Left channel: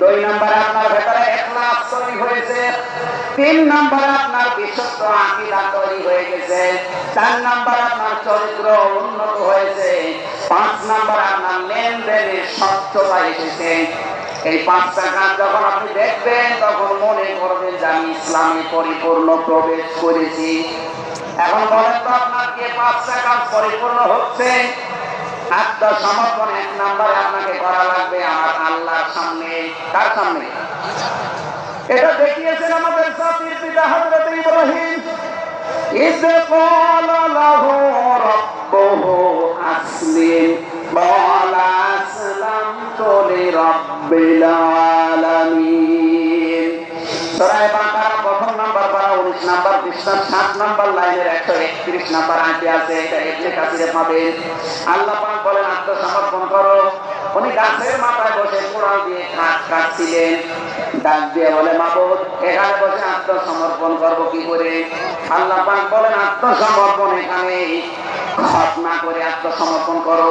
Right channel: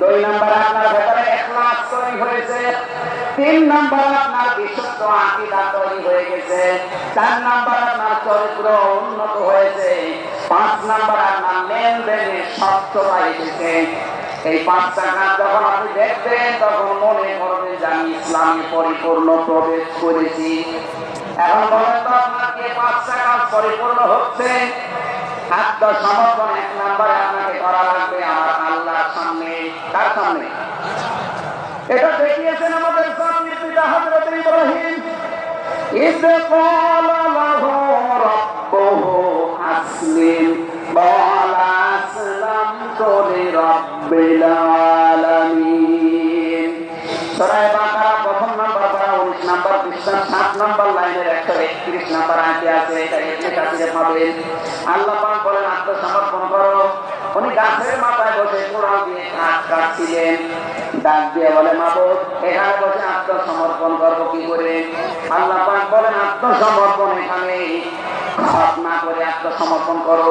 দুই নম্বরে আপনার ভেতরে তৈরি হয়েছে। তিন নম্বরে আপনার বিশুদ্ধ তৈরি হয়ে গেছে। চার নম্বর আপনার চরিত্র উন্নত হয়েছে। পাঁচ নম্বর আপনার লেনদেনের স্বচ্ছতা এসেছে এই পাঁচটা কাজ যখন আপনি দেখবেন, তখন মনে করবেন যে আমি ইসলামে পরিপূর্ণ প্রবেশ করেছি। এখন বলেন তো আপনার কি পাঁচটা কাজ পরিপূর্ণ হচ্ছে? আত্মা সমর্পণ এক নম্বরে আপনাকে করা লাগবে আমার আল্লাহর সামনে তার সামনে? এটা দেখিয়েছেন আমাদের জাতির ইব্রাহিম। আলামিন। প্রথম নাম্বার পারা উনিশ নাম্বার পৃষ্ঠা সাত নাম্বার লাইনের একশো একত্রিশ নাম্বার আঁটি আছে, এটা এমনি কাছে পাবেন আল্লাহ পাক বলেন, আত্মসমর্পণ করো। উনি গাছের মাথায় বসে কোড়াল দিয়ে কাঠ কাটছিলেন। ডাক দিয়ে বলে, মাবুদ, এখানে বসে আত্মসমর্পণ করব কি করে? আল্লাহ পাক বলেন, আত্মসমর্পণ এখানে ঘটনা করে আত্মসমর্পণ করো।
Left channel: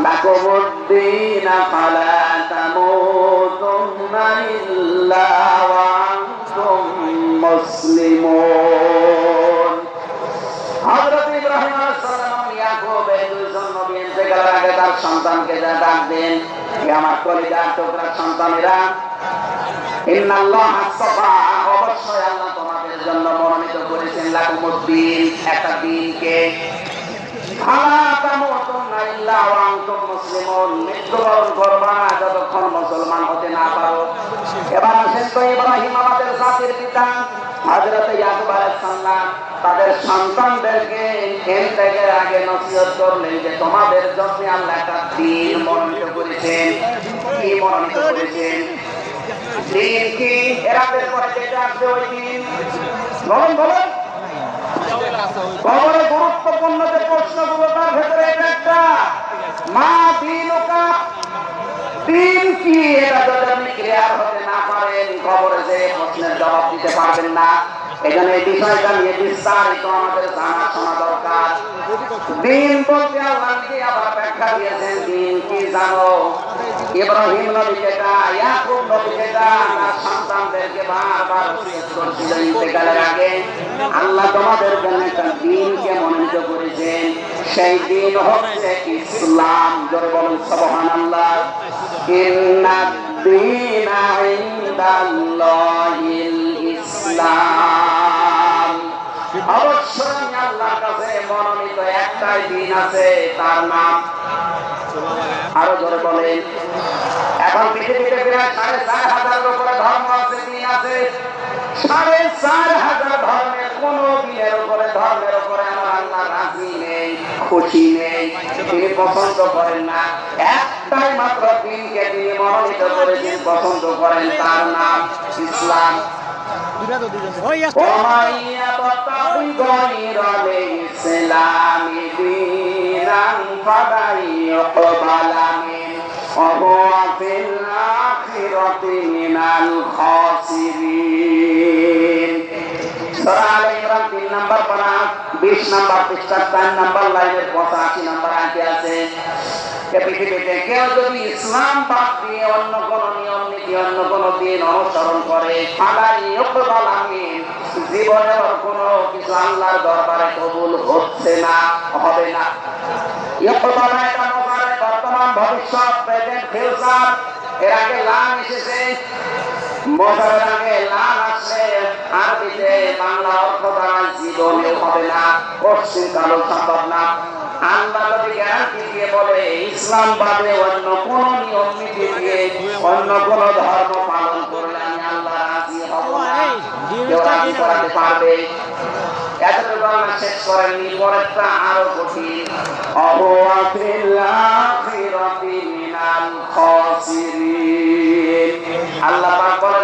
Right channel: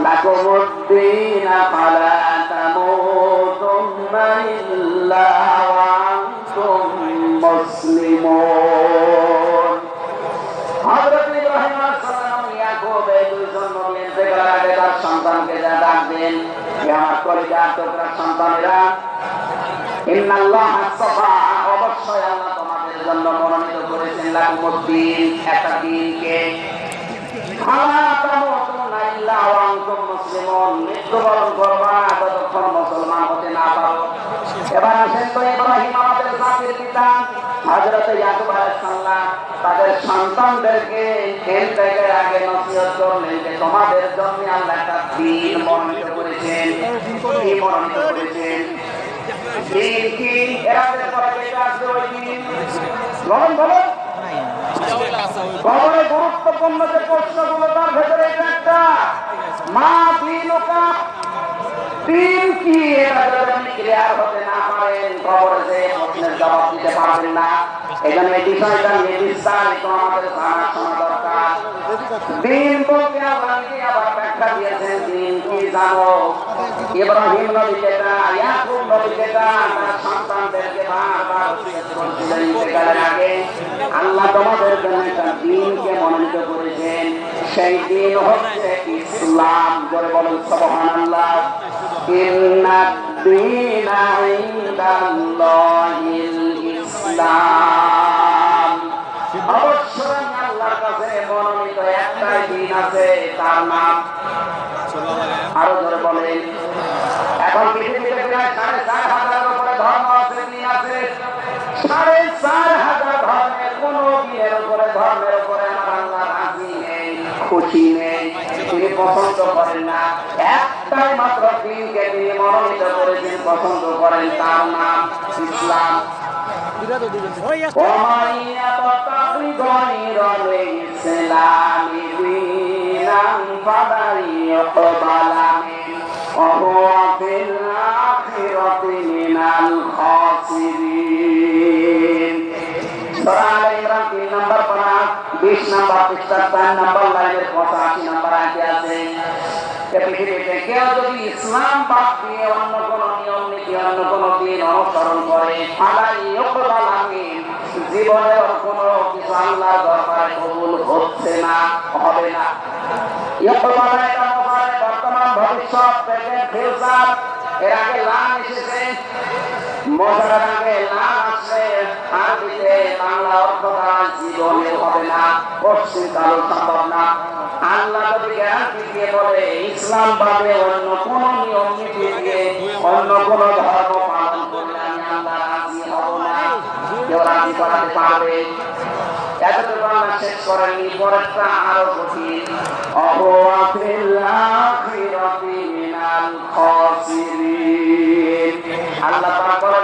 لكم الدين فلا تموتن إلا وأنتم مسلمون হযরত ইব্রাহিম আলাইহিস সালাম ইয়াকুব এই দুইজন নবী ইন্তেকালের আগে তার সন্তানকে যা ডাকবেন হে আমার কলিজার টুকরা সন্তানেরা ইন্নাল্লাহ আস্তাফা অবশ্যই আল্লাহ তোমাদের জন্য মনোনীত করেছেন লাকুমুদ্দিন একটা দিনকে মৃত্যুবরণ করবা না যতক্ষণ মুসলমান হতে না পারো এবার আসেন তো ইব্রাহিম আমাদের জাতির পিতা হযরত ইয়াকুব আলাইহিস তাদের সন্তানদেরকে খেল থেকে আগে নসিহত করলেন যে তোমাদের জন্য আল্লাহ একটা দিন মনোনীত করেছেন। কি মনোনীত করেছেন দিন কি এরাদের পরে আসবে ওই দিন। বলুন বলুন। কবরে গুরুত্বপূর্ণ যে প্রশ্নগুলো তার ভেতরে একটা, মা দিন কি? এটা যদি আপনি ক্লিয়ার হতে না পারেন, খবরে যে প্রশ্নের জবাব দিতে পারবেন না। এখানে এই বিষয়টা নিয়ে বিস্তারিত আমাদের জানা শোনা দরকার। দিন বলতে আল্লাহ আবার ব্যাখ্যা দিয়েছেন দিন কি জানো? ইব্রাহিম ইয়াকুব তার সন্তানদেরকে বারবার ইন্তেকালের আগে। আল্লাহ তোমাদের জন্য একটা দিনকে মনোনীত করেছেন। সেই দিন হচ্ছে ইসলাম। জোরে বলেন, সুবহানাল্লাহ। ইন্নাদ দীনা ইসলাম। অবশ্যই আল্লাহর কাছে মনোনীত একটাই আছে, তার নাম আরও জোরে বলেন। এখন পৃথিবীতে সাড়ে চার হাজারের উপরে ধর্ম আছে দিন আছে? সাড়ে চার হাজার ধর্মের কোন দিনের উপরে, ধর্মের উপরে আমার আল্লাহ রাজি নেই, খুশি নেই, তিনি পছন্দ করেন না। একটাই মাত্র দিনকে তিনি মনোনীত করেছেন, পছন্দ করেন তার নাম ইসলাম। ومن يبتغي غير الإسلام دينا فلن يقبل منه وهو في الآخرة من الخاسرين সূরা আলে ইমরান তিন নম্বর পারা বিশ নম্বর পৃষ্ঠার চার নম্বর লাইনের পঁচাশি নম্বর আগে আছে যে পৃথিবীতে কেউ যদি ইসলাম বাদ দিয়ে অন্য কোন নিয়ম নীতি অন্য কোন দিন অনুসরণ করে জীবনের কোনো কিছু আল্লাহর দরবারে কবুল হচ্ছে না, হবে না। বর্তমান ভবিষ্যৎ এর আগে লাভ এসেছে। মজারের লাল আসলে আরবিতে বাংলা অর্থ দ্বারা জীবনেও হবে না পশ্চিম সম্ভব না। আল্লাহ যদি গ্যারান্টি দিয়ে বলে, ইসলাম বাদে অন্য কোন নিয়ম নীতি দিয়ে অন্য কোন ধর্ম পালন করলে আমি আল্লাহ রাজি হব না। কেউ রাজি করাতে পারবে? এতটুকু আল্লাহ শেষ করেননি, পরেরটা আরও কঠিন। অহোয়াফিল আখিরাতি মিনাল খাসিরিন। আল্লাহ পাক বলেন